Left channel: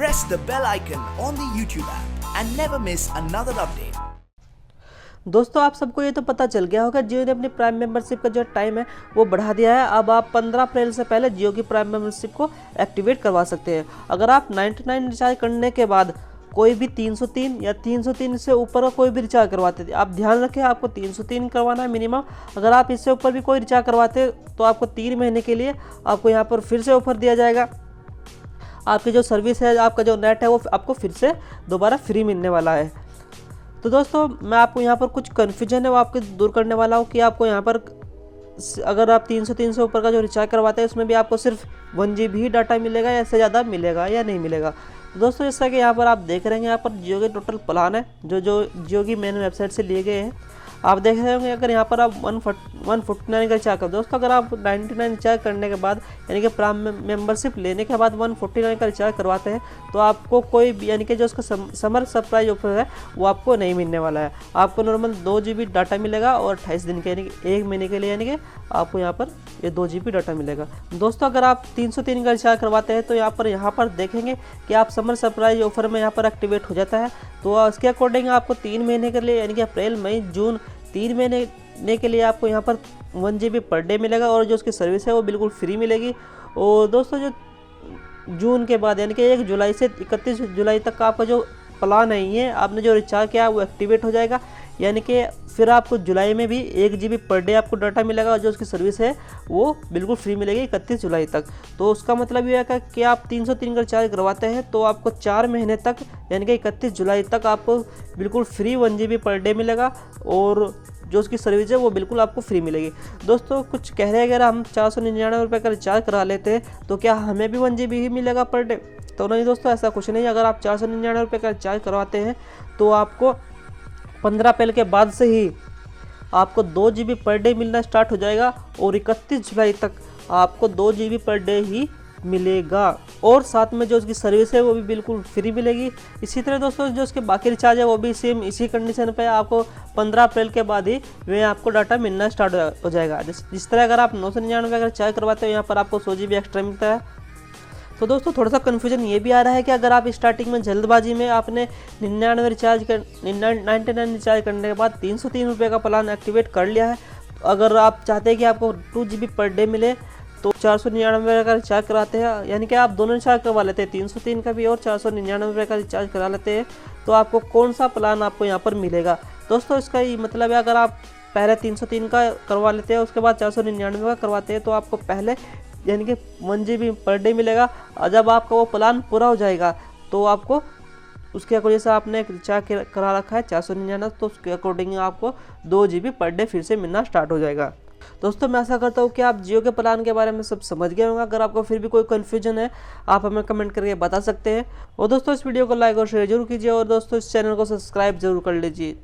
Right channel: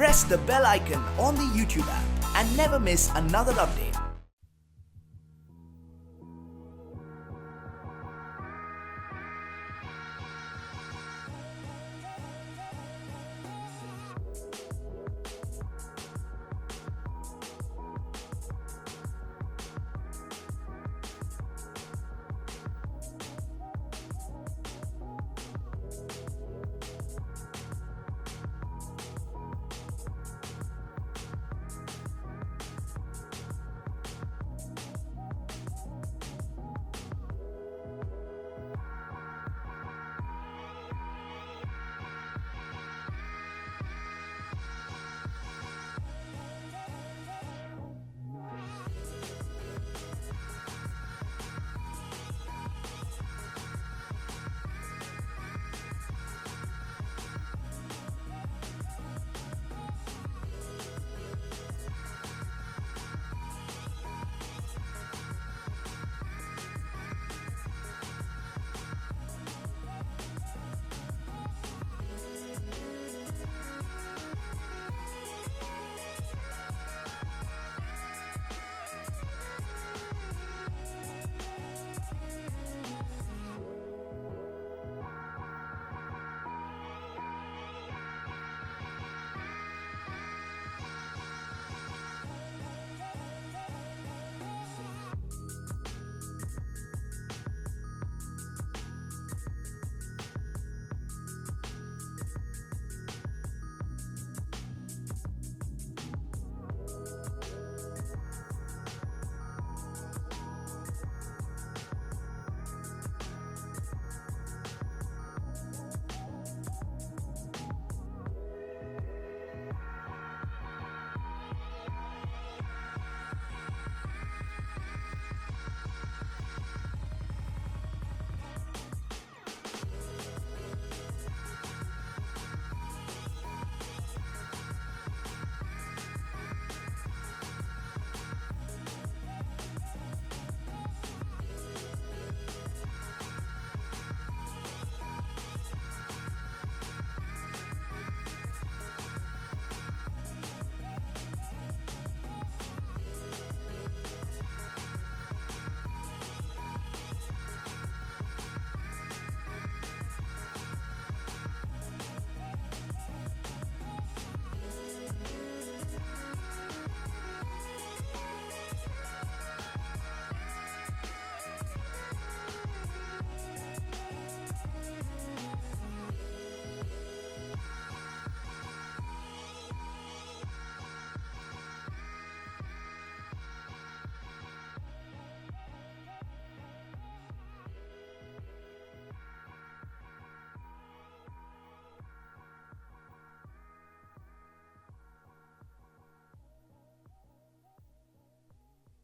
press the bell icon on the YouTube app and never miss another update. दोस्तों आप सबको ये तो पता चल गया होगा जियो ने अपनी प्राइम मेंबरशिप का जो टाइम है वो बढ़ा दिया है। अब आप 15 अप्रैल से पहले जियो की प्राइम मेंबरशिप को एक्टिवेट करवा सकते हैं। अगर आप 99 रिचार्ज करने के बाद कोई भी 303 या 303 से ऊपर का कोई भी रिचार्ज करवाते थे, आप ध्यान रखें आपको 303 करवाना है मिनिमम। अगर आप इससे ऊपर भी कोई रिचार्ज करवाते तो आपको 3 महीने के लिए आपको यहाँ पर फिर से ऑफर दिया जाएगा। आपकी जो सर्विस है, आपका जो नेट है वो आपको फिर से दोबारा फ्री मिलने वाला है। तो दोस्तों मैं आपको यहाँ पर कुछ कन्फ्यूजन है वो आपके दूर करने वाला हूँ कि आपको यहाँ पर अगर आप 303 से ऊपर का जो रिचार्ज करवाते हैं उसमें भी आपको सिर्फ 1 GB ही डाटा मिलेगा या इससे ज़्यादा मिलेगा या नहीं मिलेगा। तो दोस्तों जैसा कि यहाँ पर आप देख रहे हैं, यहाँ पर जियो के टोटल प्लान है जो जियो की मेन वेबसाइट से लिए गए हैं। आप देख रहे होंगे अगर यहाँ पर आप 149 का रिचार्ज करो दोस्तों, अगर आप 99 रिचार्ज करने के बाद यानी कि प्राइम मेंबरशिप लेने के बाद 149 का रिचार्ज करवाते हैं तो आपको कोई यानी कि जो उसका समर सरप्राइज ऑफर है वो आपको नहीं मिलने वाला है। आपको नॉर्मल 2 GB डाटा मिलेगा और 28 दिन के यानी कि 1 महीने के लिए यानी कि आपको यहाँ पर ये 2 GB डाटा मिलेगा। दोस्तों अगर आप 303 का रिचार्ज करवाते हैं तो यहाँ पर देखेंगे कि आप समर सरप्राइज ऑफर में यहाँ पर एक्टिवेट हो जाता है। तो उसके अकॉर्डिंग आपको 3 महीने के लिए यानी कि अप्रैल मई जून 3 महीने के लिए आपको यहाँ पर 1 GB पर डे मिलेगा और जो उसकी सर्विस है वो बिल्कुल फ्री मिलेगी। और दोस्तों जो जून के बाद यानी कि 1 जुलाई से 31 जुलाई तक का आपका जो प्लान है ये आपने जो रिचार्ज किया वो एक्टिवेट हो जाएगा, यानी कि फिर आपको जुलाई में भी 1 GB पर डे आपको डाटा मिलेगा और जो उसकी सर्विस है वो बिल्कुल फ्री मिलेगी 31 जुलाई तक। तो उसका मतलब ये है कि आप 303 का रिचार्ज करवाते हैं तो आपको 4 महीने तक यानी कि 31 जुलाई तक आपको बिल्कुल फ्री 1 GB पर डे मिलेगा और जो उसकी सर्विस है वो बिल्कुल आपको फ्री मिलेगी। दोस्तों कुछ कह रहे हैं अगर हम 499 रुपये का रिचार्ज करा लेते हैं तो क्या हमें भी 1 GB ही मिलेगा पर डे? तो नहीं दोस्तों, ऐसा कुछ नहीं। अगर आप 499 रुपये का रिचार्ज करवाते हैं तो आपको 15 अप्रैल के बाद से ही आपको 2 GB पर डे मिलना स्टार्ट हो जाएगा और 31 जुलाई तक आपको 2 GB पर डे ही मिलेगा और साथ में जो उसकी सर्विस है वो भी बिल्कुल फ्री मिलेगी। इसी तरह दोस्तों जो उसके बाकी रिचार्ज है वो भी सेम इसी कंडीशन पे आपको 15 अप्रैल के बाद ही वे आपको डाटा मिलना स्टार्ट हो जाएगा। जिस तरह अगर आप 999 का रिचार्ज करवाते हो यहाँ पर आपको 100 GB एक्स्ट्रा मिलता है। तो दोस्तों थोड़ा सा कन्फ्यूजन ये भी आ रहा है कि अगर आप स्टार्टिंग में जल्दबाजी में आपने 99 रिचार्ज कर 99 रिचार्ज करने के बाद 303 रुपये का प्लान एक्टिवेट कर लिया है, अगर आप चाहते हैं कि आपको 2 GB पर डे मिले तो 499 का रिचार्ज कराते हैं, यानी कि आप दोनों रिचार्ज करवा लेते हैं 303 का भी और 499 का रिचार्ज करा लेते हैं तो आपको कौन सा प्लान आपको यहाँ पर मिलेगा। दोस्तों इसका ये मतलब है अगर आप पहले 303 का करवा लेते हैं उसके बाद 499 का करवाते हैं तो आपको पहले यानी कि 1 GB पर डे मिलेगा और जब आपका वो प्लान पूरा हो जाएगा तो आपको उसके अकॉर्डिंग से आपने रिचार्ज करा रखा है 499 तो उसके अकॉर्डिंग आपको 2 GB पर डे फिर से मिलना स्टार्ट हो जाएगा। दोस्तों मैं आशा करता हूँ कि आप जियो के प्लान के बारे में सब समझ गए होंगे। अगर आपको फिर भी कोई कन्फ्यूजन है आप हमें कमेंट करके बता सकते हैं। और दोस्तों इस वीडियो को लाइक और शेयर जरूर कीजिए और दोस्तों इस चैनल को सब्सक्राइब जरूर कर लीजिए।